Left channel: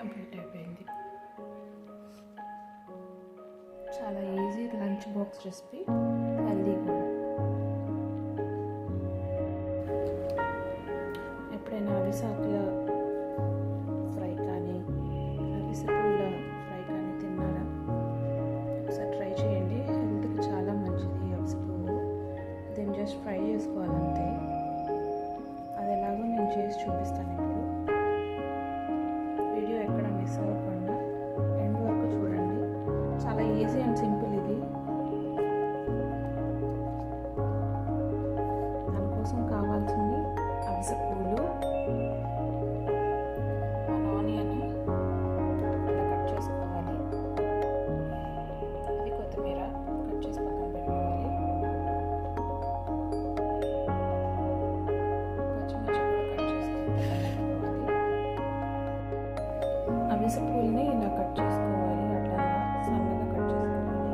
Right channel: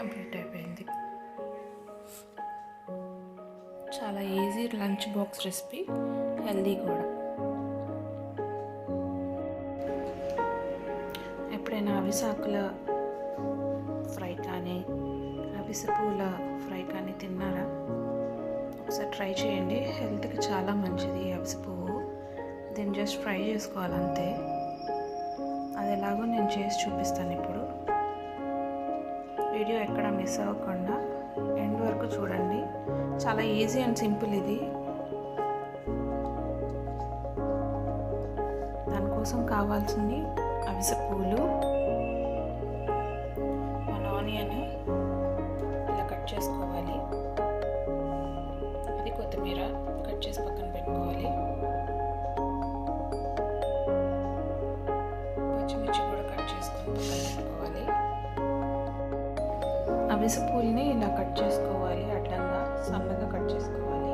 Complete అయిపోయింది. చాలా easy lunch box recipe, healthy కూడా. ఎప్పుడైనా అవిసాకుల ఫ్రై కానీ అవిసె పూల ఫ్రై కానీ తిన్నారా? ఒకసారి ట్రై చేయండి, హెల్త్కి చాలా మంచిది అవిసె పువ్వు. దీన్ని జస్ట్ ఫ్రై చేసుకోవాలంతే. అది ఎలాగో నేను చేసి చూపిస్తాను ఇప్పుడు. వీడియో ఎక్కడ మిస్ అవ్వకుండా ఎండ్ వరకు చూడండి. చాలా ఈజీ అండ్ సింపుల్ ఇది. దానికోసం కావాల్సింది అవిసె పువ్వులు, 1 ఆనియన్ ఇలా కట్ చేసుకోవాలి, అది కొత్తిమీర కట్ చేసి పక్కన పెట్టుకోవాలి, పచ్చిమిర్చి కూడా కట్ చేసుకొని పక్కన పెట్టుకోవాలి. అవిసె పువ్వుల్ని ఇలా కట్ చేసుకోవాలి, అడ్డంగా సన్నగా కట్ చేసుకోవాలి.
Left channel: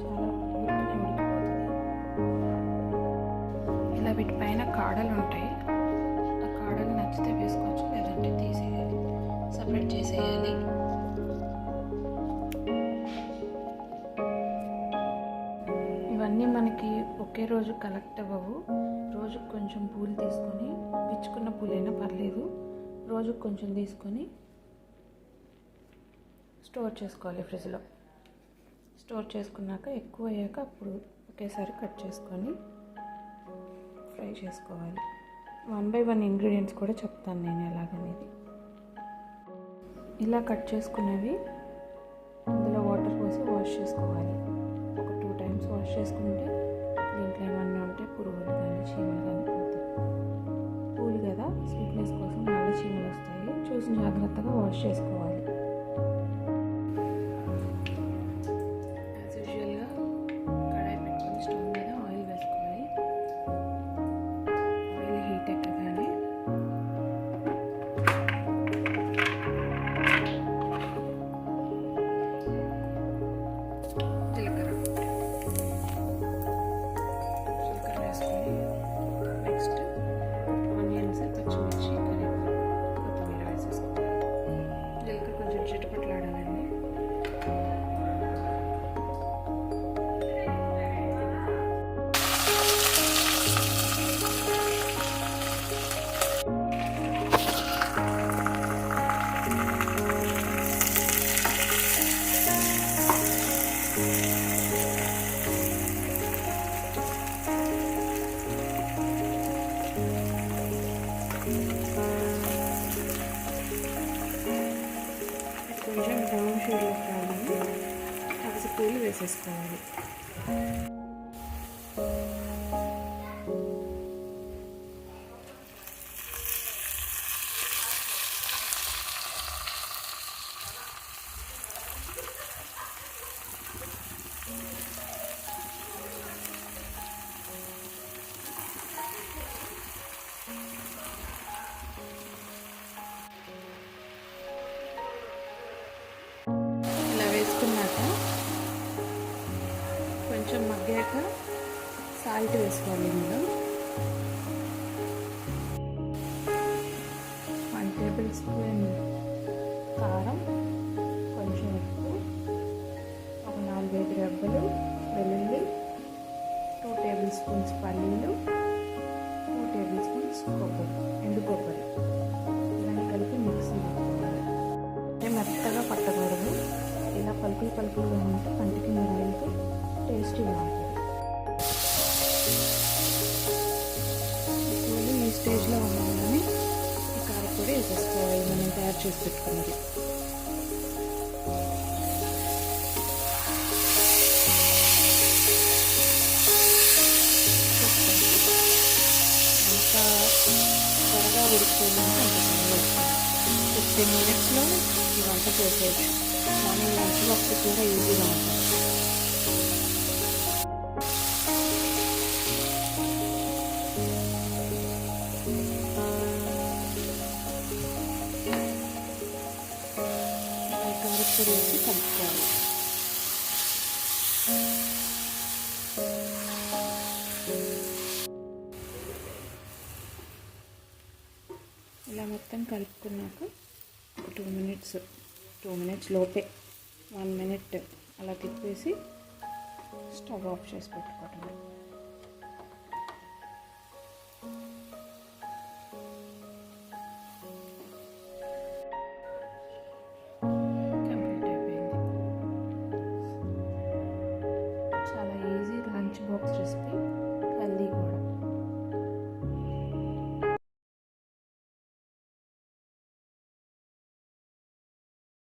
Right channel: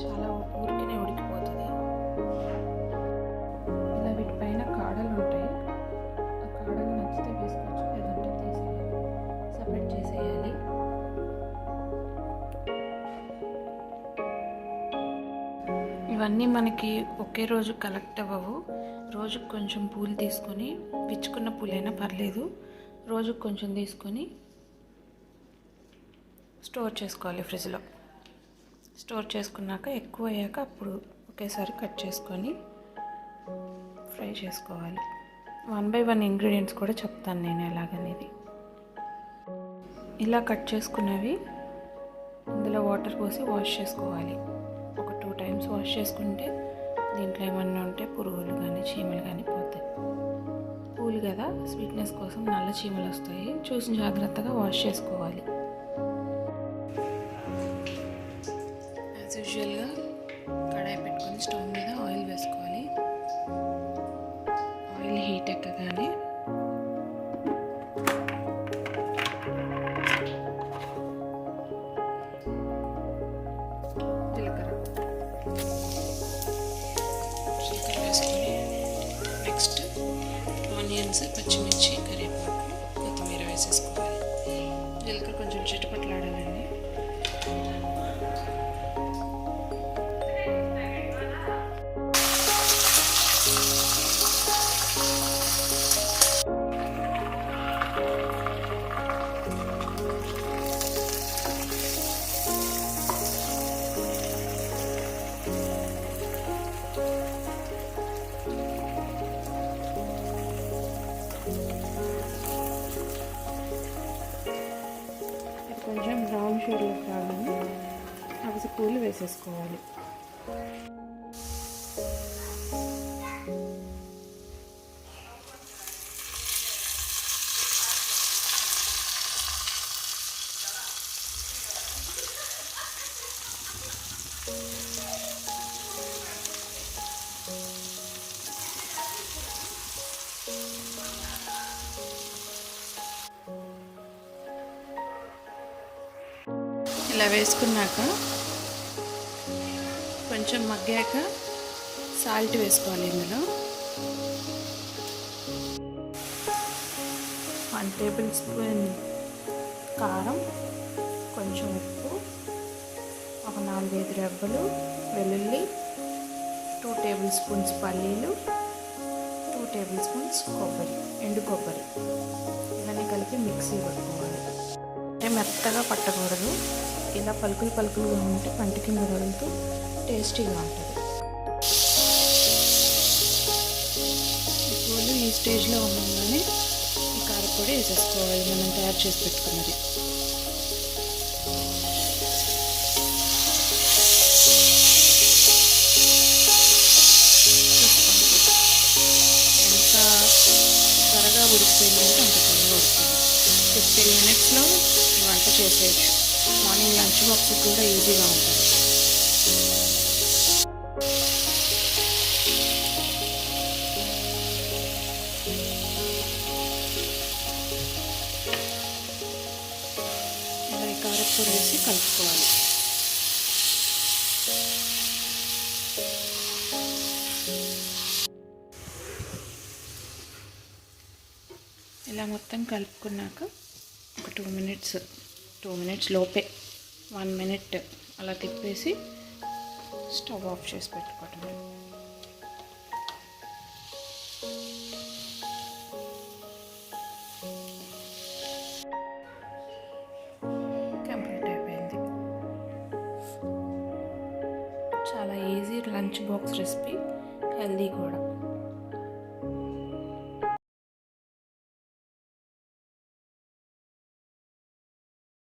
చాలా ఊరికనే ఉడికిపోతుంది. ఇలా వీటిపైన కాడలు ఉంటాయి, ఆ కాడలు నచ్చితే వేసుకోవచ్చు, లేదంటే తీసేయాలి, సపరేట్ చేసేయాలి. ఇవన్నీ మనకి ఒకే రోజు కలెక్ట్ అవ్వవు. రోజుకు కొంచెం పూలు తీసుకొని, పిచ్చుకున్న పూలైనా పర్లేదు, రోజుకు కొంచెం తీసుకొని స్టోర్ చేసుకోవాలి ఫ్రిడ్జ్లో. స్టోర్ చేసుకున్నాక ఎక్కువ అయ్యాక అప్పుడు ఒకేసారి కట్ చేసుకొని ఫ్రై చేసుకోవాలి. 1 by 1 ఇంగ్రీడియంట్స్ కూడా చెప్తాను నేను ఎలాగనేది. ఇలా కట్ చేసుకున్నవి ఇందులో వాటర్ పోసి వాష్ చేసుకోవాలి. ఒక 2 times వాష్ చేసుకుంటే దీంట్లో ఏమన్నా ఉంటే పురుగులు కానీ చీమలు కానీ పోతాయి. పూలు కదా, స్వీట్నెస్ కోసం నల్ల చీమలు వస్తాయి, చూసి జాగ్రత్తగా వాష్ చేసుకోవాలి. యాజ్ యూజువల్గా కడాయి పెట్టుకొని స్టవ్ మీద ఆయిల్ వేసుకోవాలి. ఆయిల్ హీట్ ఎక్కగానే జీలకర్ర వేసుకొని నెక్స్ట్ ఆనియన్స్, పచ్చిమిర్చి, కరివేపాకు, కొత్తిమీర వేసేసుకోవాలి. జీలకర్ర కొంచెం చిటపట్లాడాలండి. ఇది కొంచెం బ్రౌన్ షేడ్లోకి రావాలని అవిసె పూలు వేసేసుకోవాలి. ఇలా వేసుకున్నాక కొంచెం మగ్గాక సాల్ట్ వేసుకోవాలి. ఇందులో 1 tablespoon కారం, కొంచెం ఉప్పు, ఒక 4-5 రెబ్బలు వెల్లుల్లి, 2 tablespoons పల్లీలు, 2 tablespoons కొబ్బరి, ఎండు కొబ్బరి, ఇవన్నీ కలిపి మిక్సీ పట్టుకోవాలి. అంటే మెత్తగా పట్టకూడదు, ఇలా పలుకులు పలుకులుగా ఉంటే పంటి కింద తగులుతూ టేస్టీగా ఉంటుంది. పూలు ఈ స్టేజ్లో ఉండగానే ఈ కారపొడి వేసేసుకోవాలి, మనం తయారు చేసి పెట్టుకున్నది. ఎంత త్వరగా ఉడికిపోయిందంటే అంత త్వరగా ఉడుకుతుంది. 15 minutesలో ఈ వంట చేసేయచ్చు. మార్నింగ్ లంచ్ బాక్స్ కూడా ఈజీగా ఉంటుంది. ఇలా కారపొడి వేసి కలుపుకోవాలి. ఇలా మొత్తం కలుపుకున్నాక ఒక టూ మినిట్స్ లోపే 1 మినిట్ అలా తిప్పేసి స్టవ్ ఆఫ్ చేసి పెట్టుకోవటమే. కంప్లీట్ అయిపోయింది. చాలా easy lunch box recipe, healthy కూడా.